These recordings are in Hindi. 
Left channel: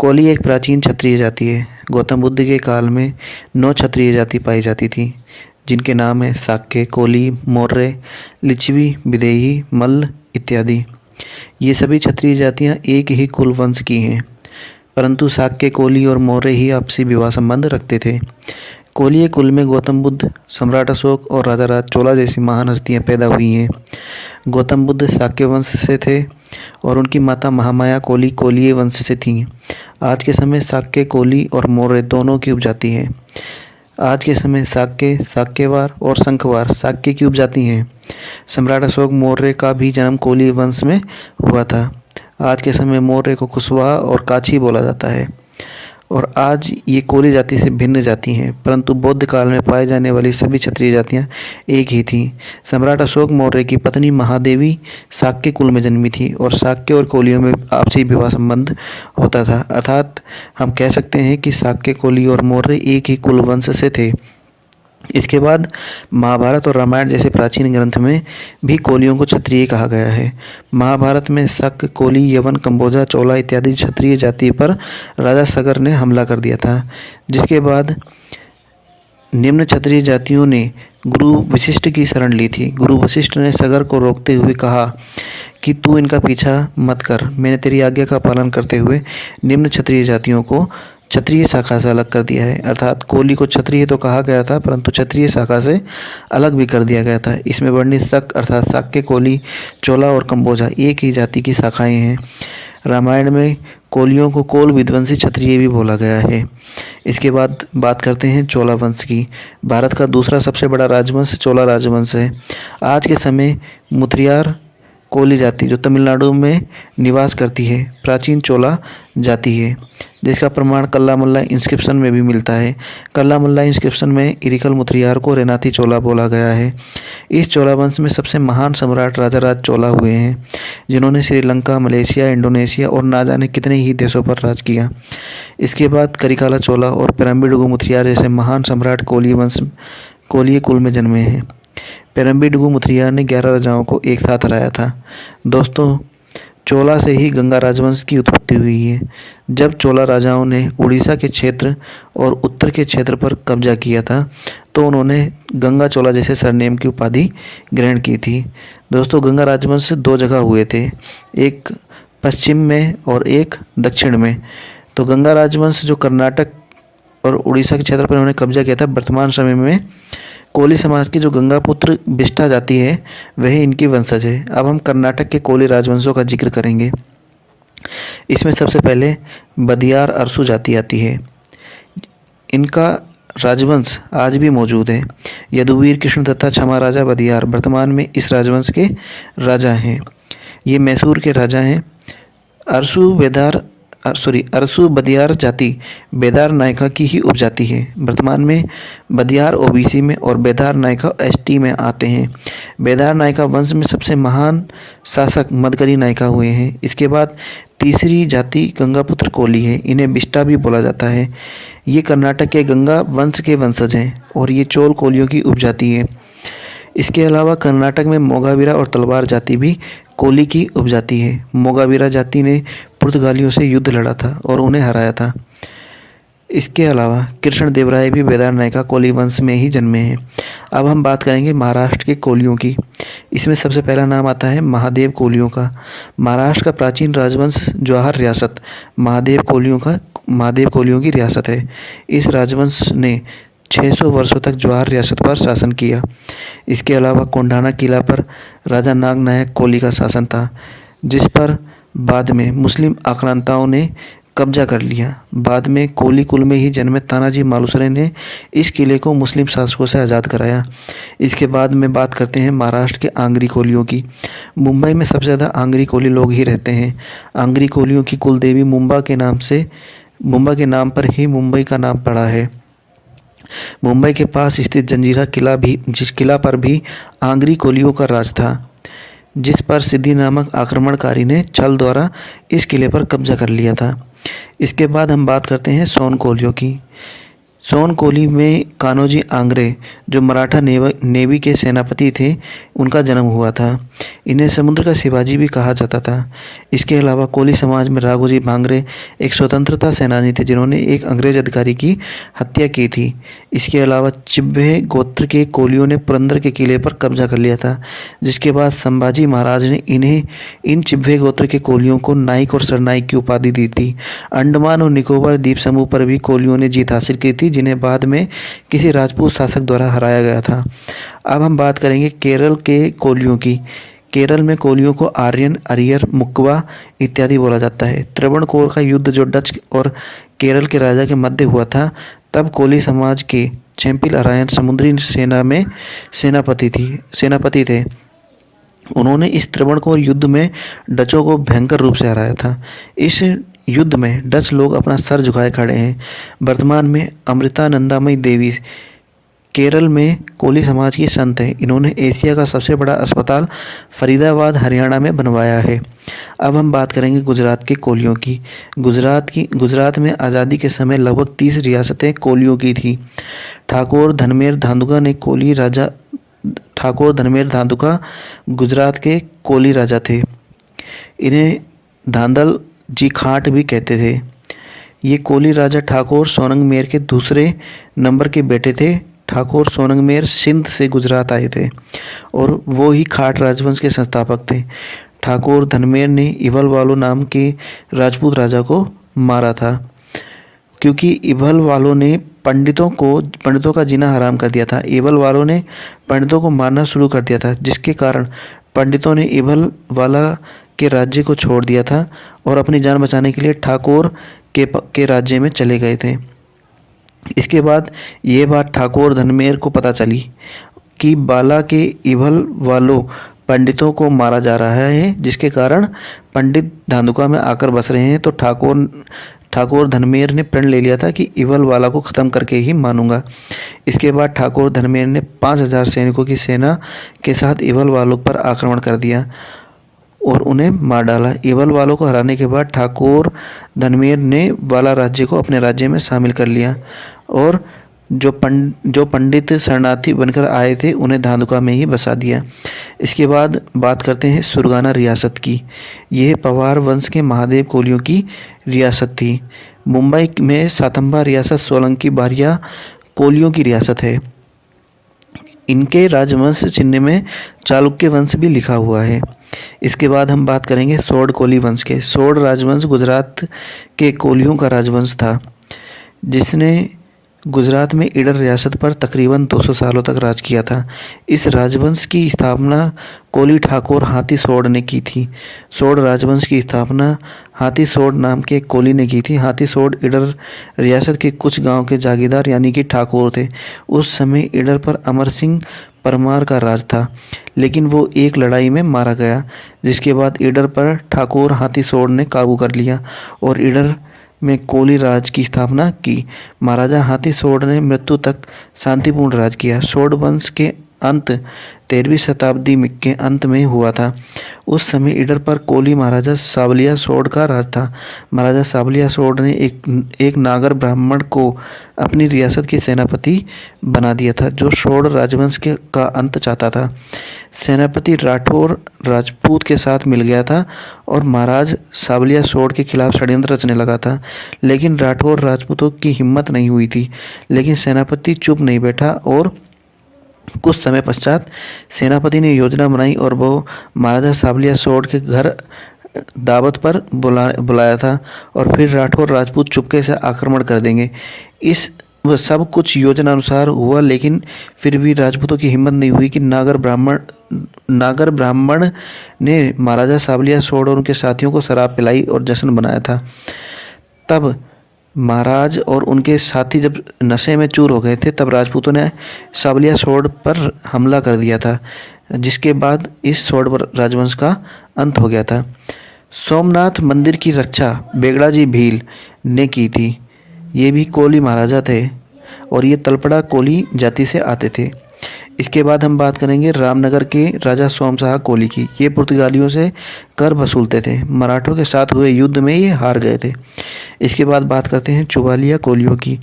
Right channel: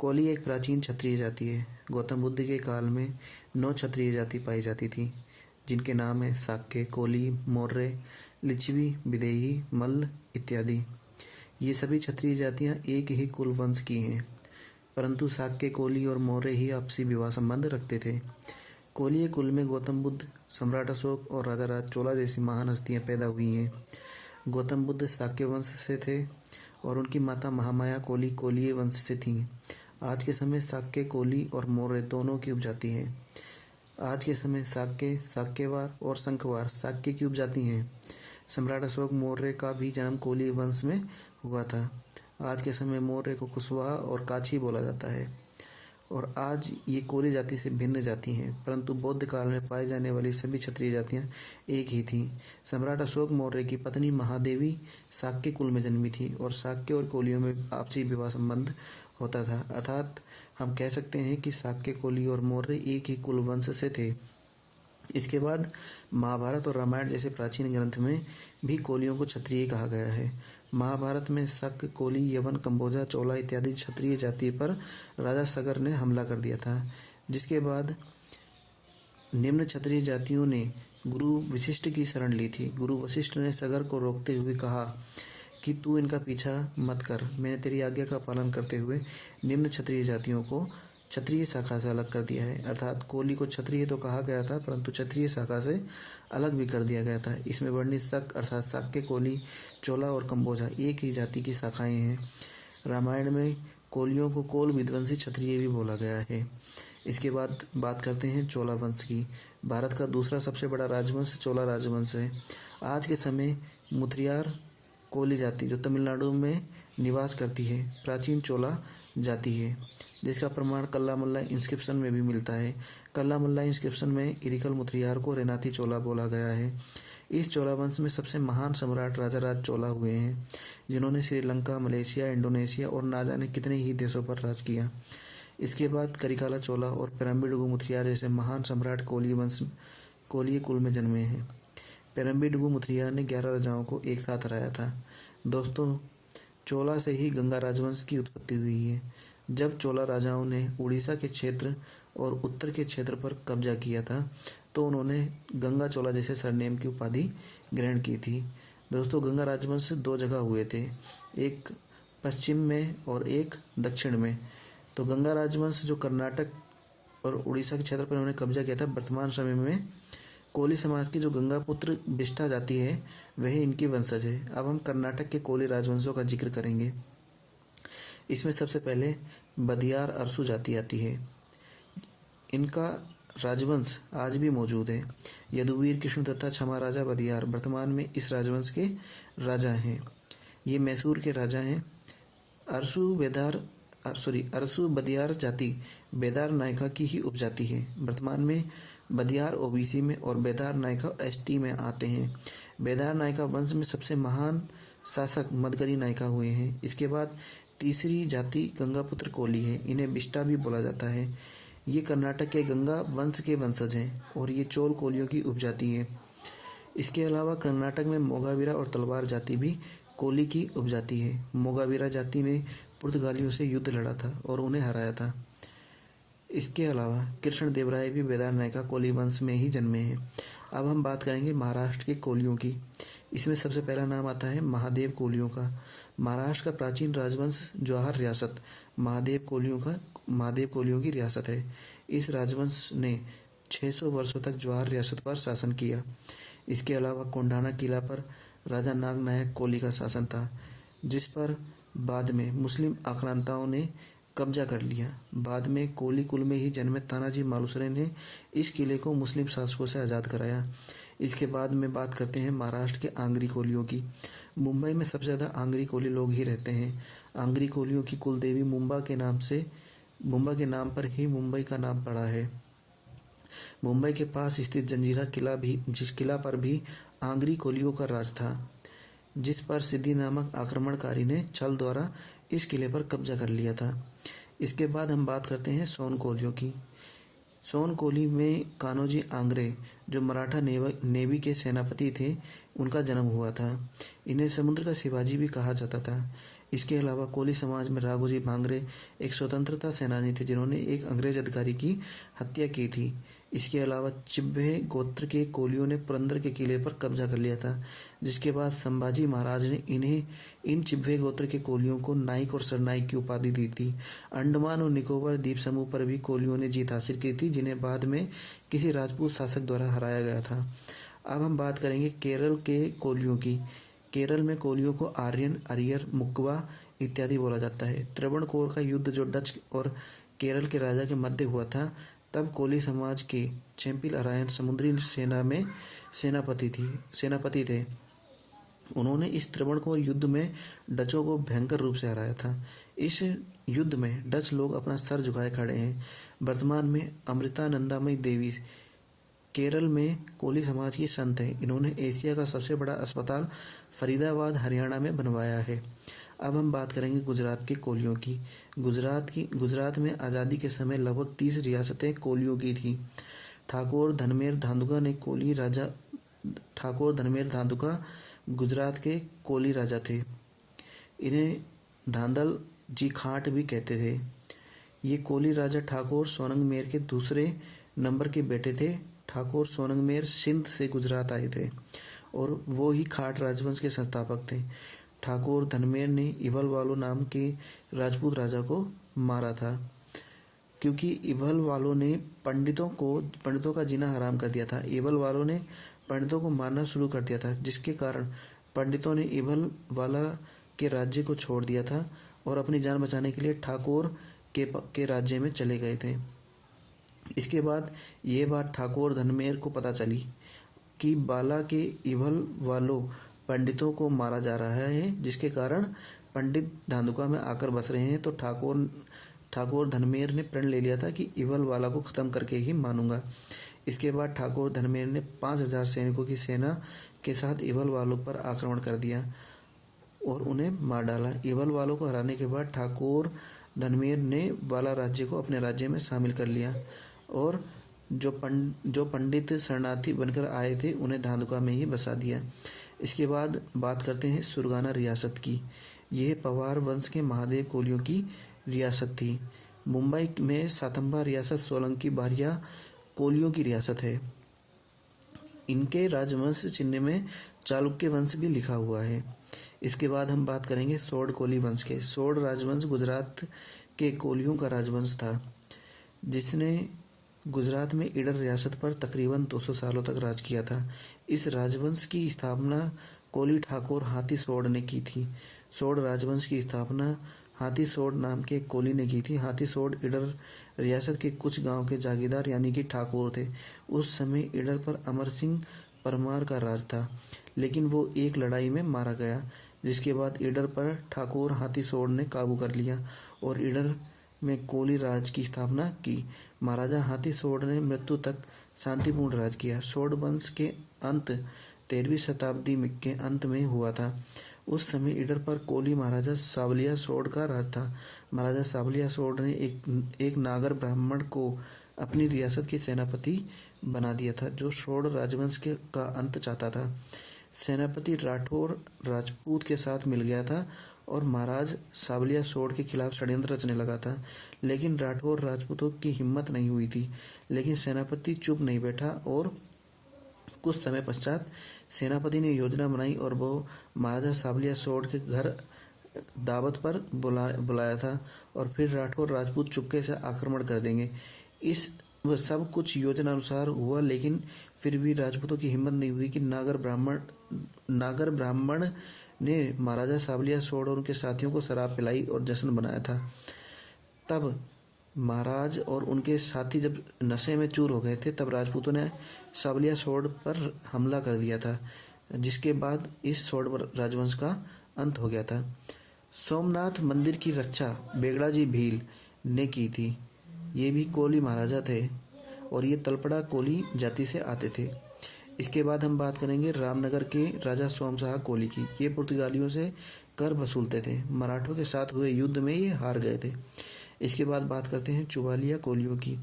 कोली एक प्राचीन क्षत्रिय जाति है। गौतम बुद्ध के काल में 9 क्षत्रिय जाति पाई जाती थी, जिनके नाम है शाक्य, कोली, मौर्य, लिच्छवी, विदेही, मल्ल इत्यादि। ये सभी क्षत्रिय जातियां एक ही कुल वंश की हैं, परंतु शाक्य, कोली और मौर्य ही आपसी विवाह संबंध रखते थे। कोलीय कुल में गौतम बुद्ध, सम्राट अशोक और राजा राज चोला जैसी महान हस्तियां पैदा हुई हैं। गौतम बुद्ध शाक्य वंश से थे और उनकी माता महामाया कोली कोलीय वंश से थीं। आज के समय शाक्य, कोली और मौर्य दोनों की उपजाति है। आज के समय शाक्य, शाक्यवार और शंखवार शाक्य की उपजाति हैं। सम्राट अशोक मौर्य का भी जन्म कोली वंश में हुआ था। आज के समय मौर्य को कुशवाहा और काछी बोला जाता है और आज ये कोली जाति से भिन्न जाति हैं, परंतु बौद्ध काल में पाए जाने वाली सभी क्षत्रिय जातियां एक ही थीं। सम्राट अशोक मौर्य की पत्नी महादेवी शाक्य कुल में जन्मी थी और शाक्य और कोलियों में आपसी विवाह संबंध होता था, अर्थात हम कह सकते हैं कि शाक्य, कोली और मौर्य एक ही कुल वंश से थे। इसके बाद महाभारत और रामायण जैसे प्राचीन ग्रंथ में भी कोलियों को क्षत्रिय कहा गया है। महाभारत में शक, कोली, यवन, कंबोजा, चोला इत्यादि क्षत्रिय जाति पर राजा सगर ने हमला कर दिया था, जिसके बाद निम्न क्षत्रिय जातियों ने गुरु वशिष्ठ की शरण ली थी। गुरु वशिष्ठ ने सगर को रोकते हुए कहा कि तू इनका पीछा मत कर, मैंने तेरी आज्ञा का पालन करते हुए निम्न क्षत्रिय जातियों को क्षत्रिय शाखा से अलग कर दिया है। अर्थात कोली को क्षत्रिय तो कहा गया था, परंतु क्षत्रिय शाखा से अलग भी कर दिया गया था। इसमें वर्णित शक अर्थात शाक्य, कोली, चोला और कंबोजा एक ही जाति की शाखाएं हैं। रामायण में कोलियों को कोल विध्वंसी क्षत्रिय भी बोला गया है। इसके बाद बात करते हैं चोला वंश की। भारत का दूसरा सबसे बड़ा राजवंश चोला राजवंश है। आज के समय मुथलियार कोली जाति जो तमिलनाडु में निवास करती है, प्राचीन चोला जाति है, जिसका प्रमाण कल्लामुल्ला इंस्क्रिप्शन में भी मिलता है। कल्लामुल्ला इंस्क्रिप्शन में इरिकल मुथलियार को रेनाथी चोला बोला गया है। इस चोला वंश में सबसे महान सम्राट राजा राज चोला हुए हैं, जिन्होंने श्रीलंका, मलेशिया, इंडोनेशिया और ना जाने कितने ही देशों पर राज किया। इसके बाद करिकाला चोला और पेरम्बिडुगु मुथलियार जैसे महान सम्राट कोलीय कुल में जन्मे हैं। पेरम्बिडुगु मुथलियार ने 11 राजाओं को एक साथ हराया था। दोस्तों, चोला से ही गंगा राजवंश की उत्पत्ति हुई है। जब चोला राजाओं ने उड़ीसा के क्षेत्र और उत्तर के क्षेत्र पर कब्जा किया था, तो उन्होंने गंगा चोला जैसे सरनेम की उपाधि ग्रहण की थी। दोस्तों, गंगा राजवंश 2 जगह हुए थे, एक पश्चिम में और एक दक्षिण में। तो गंगा राजवंश जो कर्नाटक और उड़ीसा के क्षेत्र पर उन्होंने कब्जा किया था, वर्तमान समय में कोली समाज की जो गंगापुत्र बिष्टा जाति है वह इनकी वंशज है। अब हम कर्नाटक के कोली राजवंशों का जिक्र करेंगे। इसमें सबसे पहले बदियार अरसू जाति आती है। इनका राजवंश आज भी मौजूद है। यदुवीर कृष्ण तथा क्षमा राजा बदियार वर्तमान में इस राजवंश के राजा हैं। ये मैसूर के राजा हैं। अरसू बदियार जाति बेदार नायका की ही उपजाति है। वर्तमान में बदियार ओबीसी में और बेदार नायका एसटी में आते हैं। बेदार नायका वंश में सबसे महान शासक मदकरी नायका हुए हैं। इसके बाद तीसरी जाति गंगापुत्र कोली है। इन्हें बिष्टा भी बोला जाता है। ये कर्नाटक के गंगा वंश के वंशज हैं और ये चोल कोलियों की उपजाति है। इसके अलावा कर्नाटक में मोगावीरा और तलवार जाति भी कोली की उपजाति है। मोगावीरा जाति ने पुर्तगालियों से युद्ध लड़ा था और उन्हें हराया था। इसके अलावा कृष्ण देवराय भी बेदार नायका कोली वंश में ही जन्मे हैं। अब हम बात करेंगे महाराष्ट्र के कोलियों की। इसमें सबसे पहला नाम आता है महादेव कोलियों का। महाराष्ट्र का प्राचीन राजवंश जवाहर रियासत महादेव कोलियों की रियासत है। इस राजवंश ने 600 वर्षों तक जवाहर रियासत पर शासन किया। इसके अलावा कोंढाना किला पर राजा नागनायक कोली का शासन था, जिस पर बाद में मुस्लिम आक्रांताओं ने कब्जा कर लिया। बाद में कोली कुल में ही जन्मे तानाजी मालुसरे ने इस किले को मुस्लिम शासकों से आज़ाद कराया। इसके बाद में बात करते हैं महाराष्ट्र के आंग्री कोलियों की। मुंबई में सबसे ज़्यादा आंग्री कोली लोग ही रहते हैं। आंग्री कोलियों की कुल देवी मुंबा के नाम पर ही मुंबई का नाम पड़ा है। मुंबई के पास स्थित जंजीरा किला भी, जिस किला पर भी आंग्री कोलियों का राज था, जिस पर सिद्धि नामक आक्रमणकारी ने छल द्वारा इस किले पर कब्जा कर लिया था। इसके बाद हम बात करते हैं सोन कोलियों की। सोन कोली में कान्होजी आंग्रे जो मराठा नेवी के सेनापति थे उनका जन्म हुआ था। इन्हें समुद्र का शिवाजी भी कहा जाता था। इसके अलावा कोली समाज में राघोजी भांगरे एक स्वतंत्रता सेनानी थे जिन्होंने एक अंग्रेज अधिकारी की हत्या की थी। इसके अलावा चिब्बे गोत्र के कोलियों ने पुरंदर के किले पर कब्जा कर लिया था, जिसके बाद संभाजी महाराज ने इन चिब्बे गोत्र के कोलियों को नाइक और सरनाइक की उपाधि दी थी। अंडमान और निकोबार द्वीप समूह पर भी कोलियों ने जीत हासिल की थी, जिन्हें बाद में किसी राजपूत शासक द्वारा हराया गया था। अब हम बात करेंगे केरल के कोलियों की। केरल में कोलियों को आर्यन, अरियर, मुक्वा इत्यादि बोला जाता है। त्रावणकोर का युद्ध जो डच और केरल के राजा के मध्य हुआ था, तब कोली समाज के चैंपिल अरायन समुद्री सेना में सेनापति थे। उन्होंने इस त्रावणकोर युद्ध में डचों को भयंकर रूप से हराया था। इस युद्ध में डच लोग अपना सर झुकाए खड़े हैं। वर्तमान में अमृतानंदामयी देवी केरल में कोली समाज की संत है। इन्होंने एशिया का सबसे बड़ा अस्पताल फरीदाबाद हरियाणा में बनवाया है। अब हम बात करेंगे गुजरात के कोलियों की। गुजरात में आज़ादी के समय लगभग 30 रियासतें कोलियों की थी। ठाकुर धनमेर धांधुका गुजरात के कोली राजा थे। इन्हें धांधल जी खाट भी कहते थे। ये कोली राजा ठाकुर सोनंगमेर के दूसरे नंबर के बेटे थे। ठाकुर सोनंगमेर सिंध से गुजरात आए थे और वो ही खाट राजवंश के संस्थापक थे। ठाकुर धनमेर ने इभल वालो नाम के राजपूत राजा को मारा था, क्योंकि इभल वालों ने पंडितों का जीना हराम कर दिया था। इभल वालों ने पंडितों को मारना शुरू कर दिया था, जिसके कारण पंडितों ने इभल वाला के राज्य को छोड़ दिया था और अपनी जान बचाने के लिए ठाकुर के राज्य में चले गए थे। इसके बाद ये बात ठाकुर धनमेर को पता चली कि बाला के इभल वालों पंडितों को मारा जा रहा है, जिसके कारण पंडित धांधुका में आकर बस रहे हैं। तो ठाकुर धनमेर ने प्रण ले लिया था कि इभल वाला को ख़त्म करके ही मानूंगा। इसके बाद ठाकुर धनमेर ने 5000 सैनिकों की सेना के साथ इभल वालों पर आक्रमण कर दिया और उन्हें मार डाला। इभल वालों को हराने के बाद ठाकुर धनमेर ने वाला राज्य को अपने राज्य में शामिल कर लिया और जो पंडित शरणार्थी बनकर आए थे उन्हें धांधुका में ही बसा दिया। इसके बाद बात करते हैं सुरगाना रियासत की। यह पवार वंश के महादेव कोलियों की रियासत थी। मुंबई में सातंबा रियासत सोलंकी बारिया कोलियों की रियासत है। इनके राजवंश चिन्ह में चालुक्य वंश भी लिखा हुआ है। इसके बाद हम बात करेंगे सोड कोली वंश के। सोड राजवंश गुजरात के कोलियों का राजवंश था, जिसने गुजरात में ईडर रियासत पर तकरीबन 200 सालों तक राज किया था। इस राजवंश की स्थापना कोली ठाकुर हाथी सोड ने की थी। सोड राजवंश की स्थापना हाथी सोड नाम के कोली ने की थी। हाथी सोड ईडर रियासत के कुछ गांव के जागीरदार यानी कि ठाकुर थे। उस समय ईडर पर अमर सिंह परमार का राज था, लेकिन वो एक लड़ाई में मारा गया, जिसके बाद ईडर पर ठाकुर हाथी सोड ने काबू कर लिया और ईडर में कोली राज की स्थापना की। महाराजा हाथी सोड ने मृत्यु तक शांतिपूर्ण राज किया। सोड वंश के अंत 13वीं शताब्दी के अंत में हुआ था। उस समय ईडर पर कोली महाराजा सावलिया सोड का राज था। महाराजा सावलिया सोड ने एक नागर ब्राह्मण को अपनी रियासत की सेनापति बना दिया था, जो सोड राजवंश का अंत चाहता था। सेनापति राठौर राजपूत के साथ मिल गया था और महाराज सावलिया सोड के खिलाफ षड्यंत्र रचने लगा था, लेकिन राठौर राजपूतों की हिम्मत नहीं हुई थी। लेकिन सेनापति चुप नहीं बैठा और कुछ समय पश्चात सेनापति ने योजना बनाई और वो महाराजा सावलिया सोड के घर दावत पर बुलाया था और फिर राठौर राजपूत चुपके से आक्रमण कर देंगे। वह सब कुछ योजना अनुसार हुआ, लेकिन फिर भी राजपूतों की हिम्मत नहीं हुई कि नागर ब्राह्मण ने महाराजा सावलिया सोड और उनके साथियों को शराब पिलाई और जश्न बनाया था। तब महाराज और उनके साथी जब नशे में चूर हो गए थे, तब राजपूतों ने सावलिया सोड पर हमला कर दिया था, जिसके बाद इस सोड राजवंश का अंत हो गया था। सोमनाथ मंदिर की रक्षा बेगड़ा जी भील ने की थी। ये भी कोली महाराजा थे और ये तलपड़ा कोली जाति से आते थे। इसके बाद हम बात करेंगे रामनगर के राजा सोमशाह कोली की। ये पुर्तगालियों से कर वसूलते थे। मराठों के साथ हुए युद्ध में ये हार गए थे। इसके बाद बात करते हैं चुवालिया कोलियों की।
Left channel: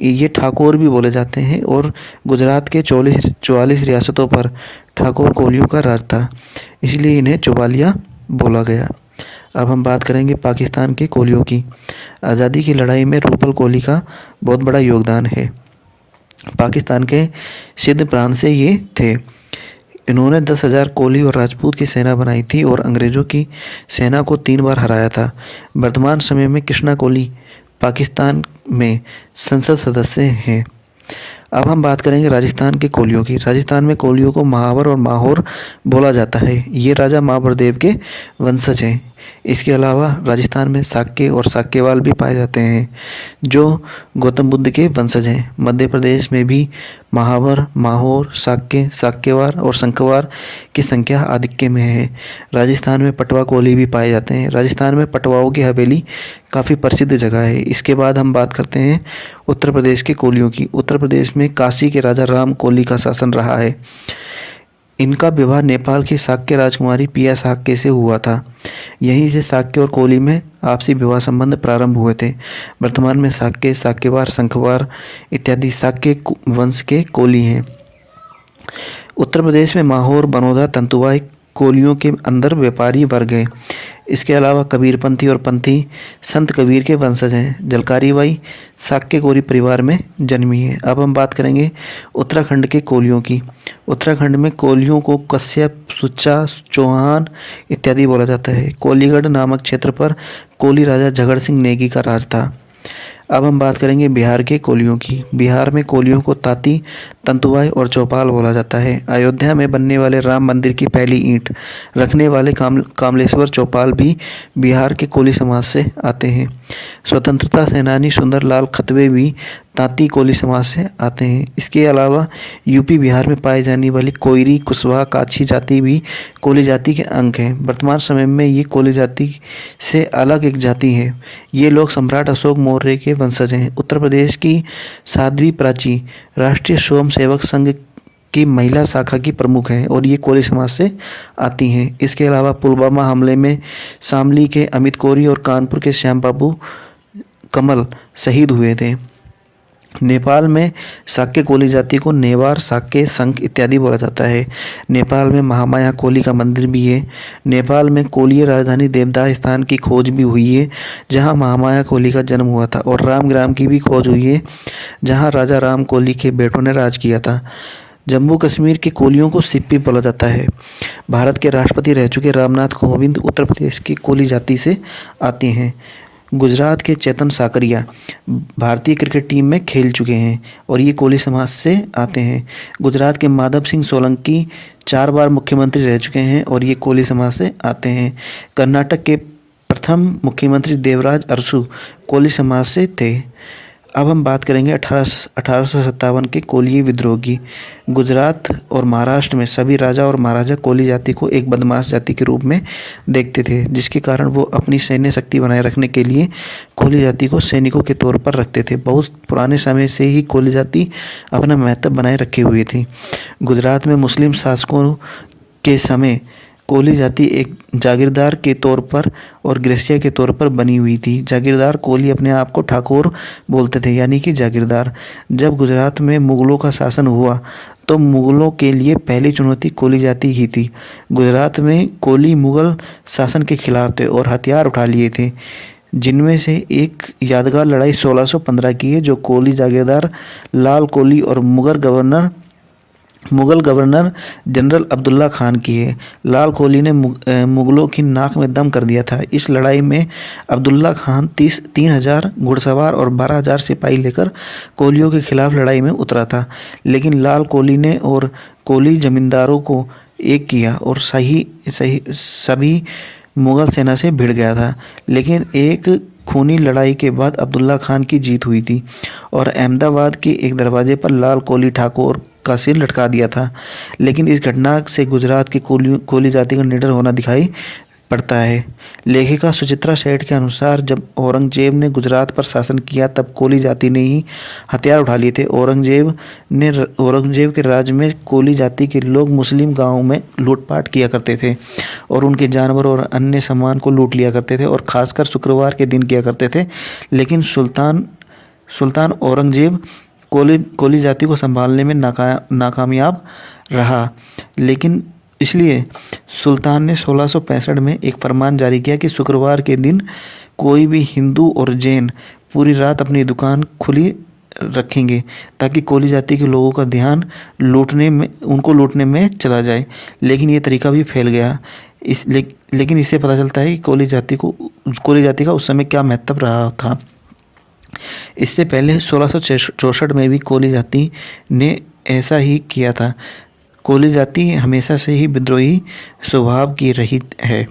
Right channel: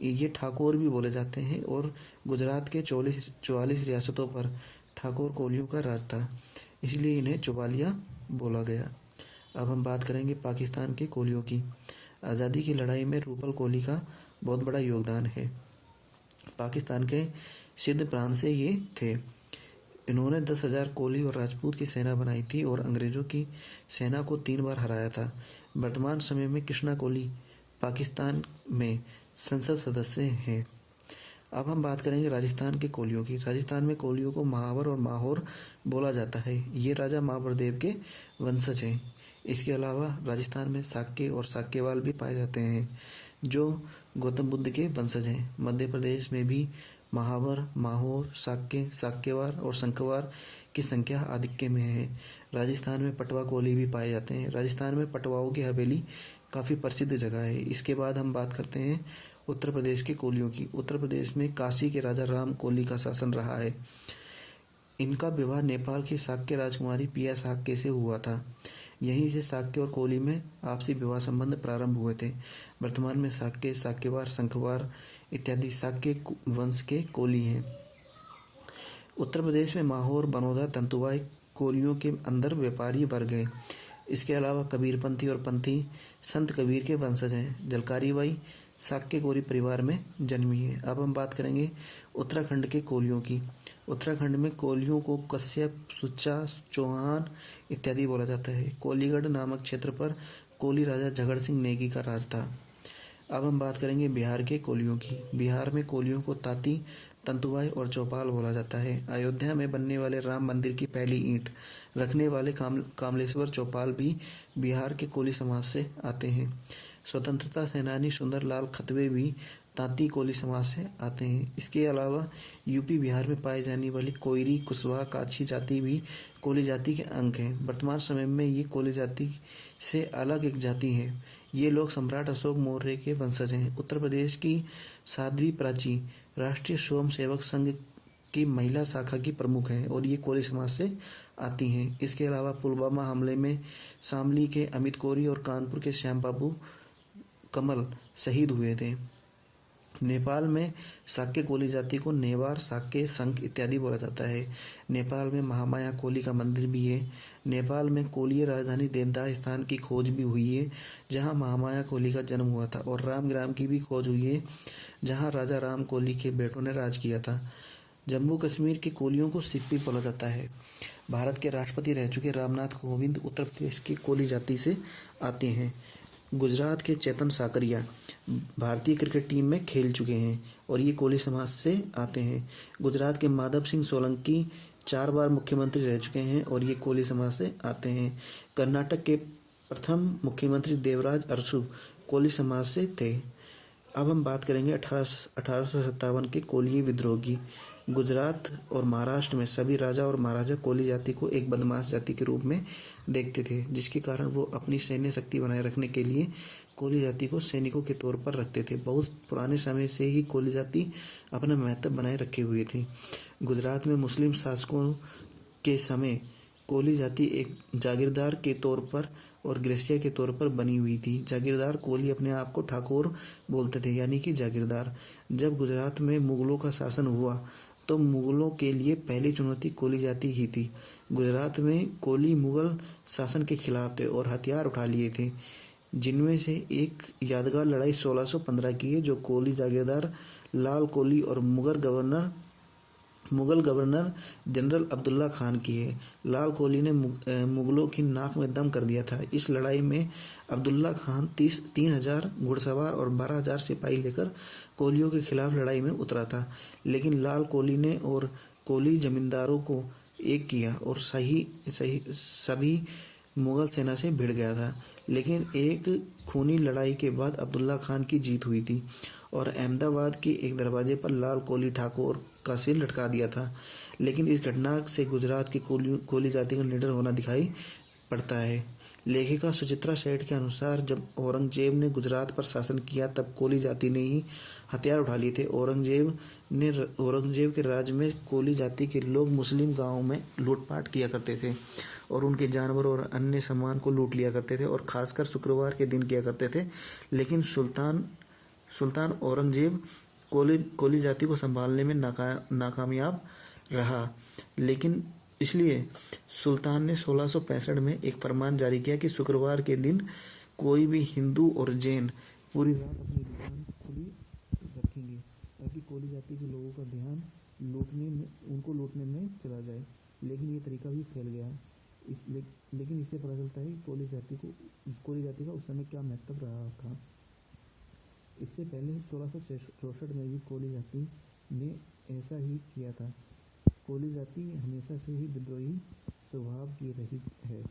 ये ठाकुर भी बोले जाते हैं और गुजरात के 44 रियासतों पर ठाकुर कोलियों का राज था, इसलिए इन्हें चुवालिया बोला गया। अब हम बात करेंगे पाकिस्तान के कोलियों की। आज़ादी की लड़ाई में रूपल कोली का बहुत बड़ा योगदान है। पाकिस्तान के सिंध प्रांत से ये थे। इन्होंने 10,000 कोली और राजपूत की सेना बनाई थी और अंग्रेज़ों की सेना को 3 बार हराया था। वर्तमान समय में कृष्णा कोली पाकिस्तान में संसद सदस्य हैं। अब हम बात करेंगे राजस्थान के कोलियों की। राजस्थान में कोलियों को महावर और माहौर बोला जाता है। ये राजा महावर देव के वंशज हैं। इसके अलावा राजस्थान में साक्य और साक्यवाल भी पाए जाते हैं, जो गौतम बुद्ध के वंशज हैं। मध्य प्रदेश में भी महावर, माहौर, साक्य, साक्यवार और शंखवार की संख्या आधिक्य में है। राजस्थान में पटवा कोली भी पाए जाते हैं। राजस्थान में पटवाओं की हवेली काफ़ी प्रसिद्ध जगह है। इसके बाद हम बात करते हैं उत्तर प्रदेश के कोलियों की। उत्तर प्रदेश में काशी के राजा राम कोली का शासन रहा है। इनका विवाह नेपाल की शाक्य राजकुमारी पिया शाक्य से हुआ था। यहीं से शाक्य और कोली में आपसी विवाह संबंध प्रारंभ हुए थे। वर्तमान में शाक्य, शाक्यवार, शंखवार इत्यादि शाक्य वंश के कोली हैं। उत्तर प्रदेश में माहौर, बनोदा, तंतुवाई कोलियों के अंदर व्यापारी वर्ग हैं। इसके अलावा कबीरपंथी और पंथी संत कबीर के वंशज हैं। जलकारी बाई शाक्य कोली परिवार में जन्मी है। अब हम बात करेंगे उत्तराखंड के कोलियों की। उत्तराखंड में कोलियों को कश्यप, सुच्चा, चौहान इत्यादि बोला जाता है। कोलीगढ़ नामक क्षेत्र पर कोली राजा झगड़ सिंह नेगी का राज था। अब हम बात करेंगे बिहार के कोलियों की। बिहार में कोलियों को ताती, तंतुवाई और चौपाल बोला जाता है। अयोध्या में बनने वाले राम मंदिर की पहली ईंट रखने वाले कामलेश्वर चौपाल भी बिहार के कोली समाज से आते हैं। स्वतंत्रता सेनानी सुंदरलाल खतवे भी तांती कोली समाज से आते हैं। इसके अलावा यूपी बिहार में पाई जाने वाली कोयरी, कुशवाहा, काछी जाति भी कोली जाति के अंग हैं। वर्तमान समय में ये कोली जाति से अलग एक जाति है। ये लोग सम्राट अशोक मौर्य के वंशज हैं। उत्तर प्रदेश की साध्वी प्राची राष्ट्रीय स्वयं सेवक संघ की महिला शाखा की प्रमुख हैं और ये कोली समाज से आती हैं। इसके अलावा पुलवामा हमले में शामली के अमित कोरी और कानपुर के श्याम बाबू कमल शहीद हुए थे। नेपाल में शाक्य कोली जाति को नेवार, शाक्य, संख इत्यादि बोला जाता है। नेपाल में महामाया कोली का मंदिर भी है। नेपाल में कोलीय राजधानी देवदाह स्थान की खोज भी हुई है, जहां महामाया कोली का जन्म हुआ था, और रामग्राम की भी खोज हुई है, जहां राजा राम कोली के बेटों ने राज किया था। जम्मू कश्मीर के कोलियों को सिप्पी बोला जाता है। भारत के राष्ट्रपति रह चुके रामनाथ कोविंद उत्तर प्रदेश की कोली जाति से आते हैं। गुजरात के चेतन साकरिया भारतीय क्रिकेट टीम में खेल चुके हैं और ये कोली समाज से आते हैं। गुजरात के माधव सिंह सोलंकी 4 बार मुख्यमंत्री रह चुके हैं और ये कोली समाज से आते हैं। कर्नाटक के प्रथम मुख्यमंत्री देवराज अरसू कोली समाज से थे। अब हम बात करेंगे 1857 के कोलीय विद्रोह की। गुजरात और महाराष्ट्र में सभी राजा और महाराजा कोली जाति को एक बदमाश जाति के रूप में देखते थे, जिसके कारण वो अपनी सैन्य शक्ति बनाए रखने के लिए कोली जाति को सैनिकों के तौर पर रखते थे। बहुत पुराने समय से ही कोली जाति अपना महत्व बनाए रखे हुए थी। गुजरात में मुस्लिम शासकों के समय कोली जाति एक जागीरदार के तौर पर और गृहस्थ के तौर पर बनी हुई थी। जागीरदार कोली अपने आप को ठाकुर बोलते थे, यानी कि जागीरदार। जब गुजरात में मुगलों का शासन हुआ तो मुगलों के लिए पहली चुनौती कोली जाति ही थी। गुजरात में कोली मुगल शासन के खिलाफ थे और हथियार उठा लिए थे, जिनमें से एक यादगार लड़ाई 1615 की है, जो कोली जागीरदार लाल कोली और मुगल गवर्नर जनरल अब्दुल्ला खान की है। लाल कोली ने मुगलों की नाक में दम कर दिया था। इस लड़ाई में अब्दुल्ला खान 3,000 घुड़सवार और 12,000 सिपाही लेकर कोलियों के खिलाफ लड़ाई में उतरा था, लेकिन लाल कोली ने और कोली जमींदारों को एक किया और सभी मुगल सेना से भिड़ गया था। लेकिन एक खूनी लड़ाई के बाद अब्दुल्ला खान की जीत हुई थी और अहमदाबाद के एक दरवाजे पर लाल कोली ठाकुर का सिर लटका दिया था। लेकिन इस घटना से गुजरात की कोली जाति का निडर होना दिखाई पड़ता है। लेखिका सुचित्रा सेठ के अनुसार जब औरंगजेब ने गुजरात पर शासन किया तब कोली जाति ने ही हथियार उठा लिए थे। औरंगजेब के राज्य में कोली जाति के लोग मुस्लिम गांवों में लूटपाट किया करते थे और उनके जानवर और अन्य सामान को लूट लिया करते थे और खासकर शुक्रवार के दिन किया करते थे। लेकिन सुल्तान औरंगजेब कोली जाति को संभालने में नाकामयाब रहा। लेकिन इसलिए सुल्तान ने 1665 में एक फरमान जारी किया कि शुक्रवार के दिन कोई भी हिंदू और जैन पूरी रात अपनी दुकान खुली रखेंगे ताकि कोली जाति के लोगों का ध्यान उनको लूटने में चला जाए। लेकिन ये तरीका भी फैल गया। लेकिन इससे पता चलता है कि कोली जाति का उस समय क्या महत्व रहा था। इससे पहले 1664 में भी कोली जाति ने ऐसा ही किया था। कोली जाति हमेशा से ही विद्रोही स्वभाव की रही है।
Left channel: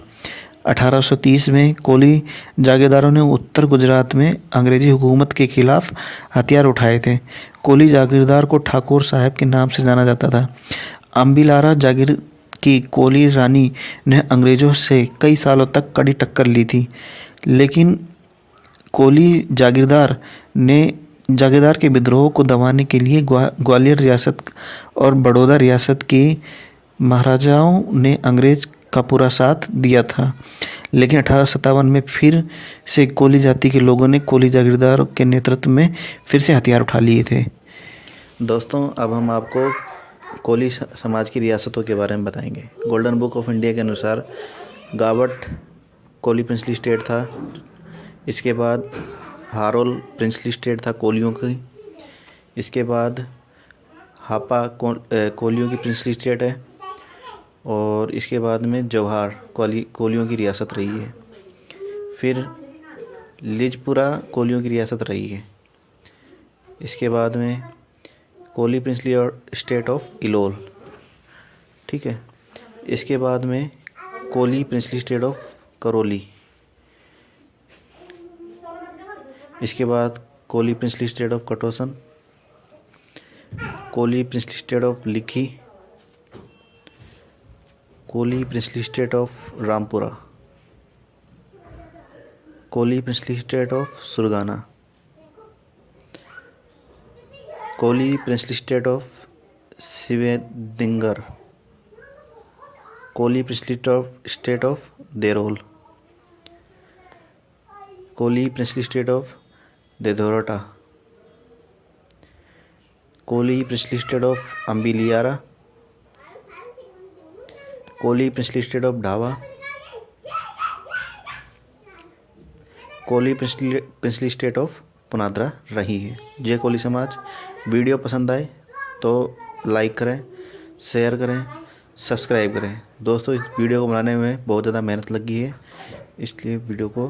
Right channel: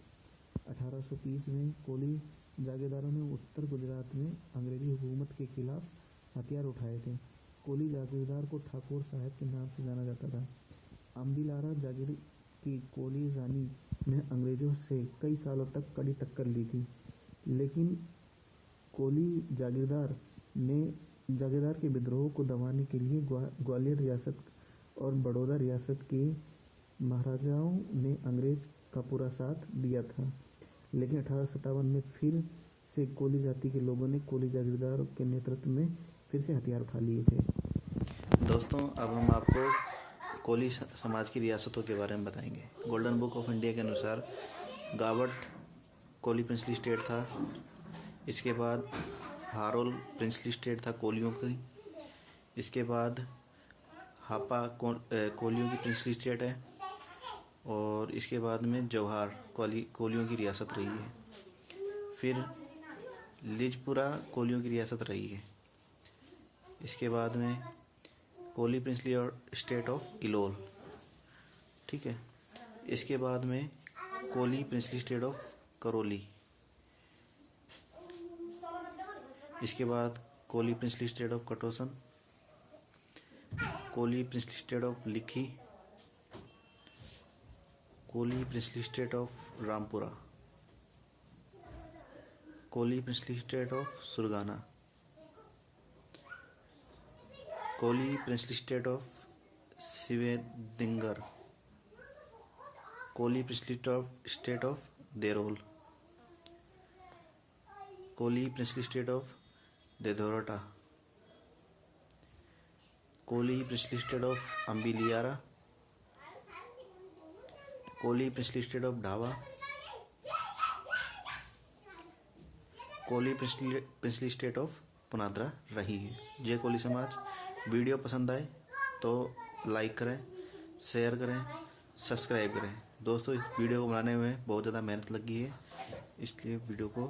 1830 में कोली जागीरदारों ने उत्तर गुजरात में अंग्रेजी हुकूमत के खिलाफ हथियार उठाए थे। कोली जागीरदार को ठाकुर साहब के नाम से जाना जाता था। अम्बिलारा जागीर की कोली रानी ने अंग्रेजों से कई सालों तक कड़ी टक्कर ली थी। लेकिन कोली जागीरदार के विद्रोह को दबाने के लिए ग्वालियर रियासत और बड़ौदा रियासत के महाराजाओं ने अंग्रेज का पूरा साथ दिया था। लेकिन 1857 में फिर से कोली जाति के लोगों ने कोली जागीरदार के नेतृत्व में फिर से हथियार उठा लिए थे। दोस्तों, अब हम आपको कोली समाज की रियासतों के बारे में बताएंगे। गोल्डन बुक ऑफ इंडिया के अनुसार गावट कोली प्रिंसली स्टेट था। इसके बाद हारोल प्रिंसली स्टेट था कोलियों की। इसके बाद हापा कोलियों की प्रिंसली स्टेट है और इसके बाद में जवाहर कोलियों की रियासत रही है। फिर लिजपुरा कोलियों की रियासत रही है। इसके बाद में Koli princely state of Ilol, ठीक है। इसके बाद में Koli princely state of Karauli. इसके बाद Koli princely state of Katosan, Koli princely state of Likhi, Koli princely state of Rampura, Koli princely state of Surgana, Koli princely state of सिवेदिंगर, Koli princely state of Derol, Koli princely state of Dedhorta, Koli princely state of Ambliara, Koli princely state of Dhawa, Koli princely state of पुनाद्रा रही है। जय कोली समाज। वीडियो पसंद आए तो लाइक करें, शेयर करें, सब्सक्राइब करें। दोस्तों, इस वीडियो को बनाने में बहुत ज़्यादा मेहनत लगी है, इसलिए वीडियो को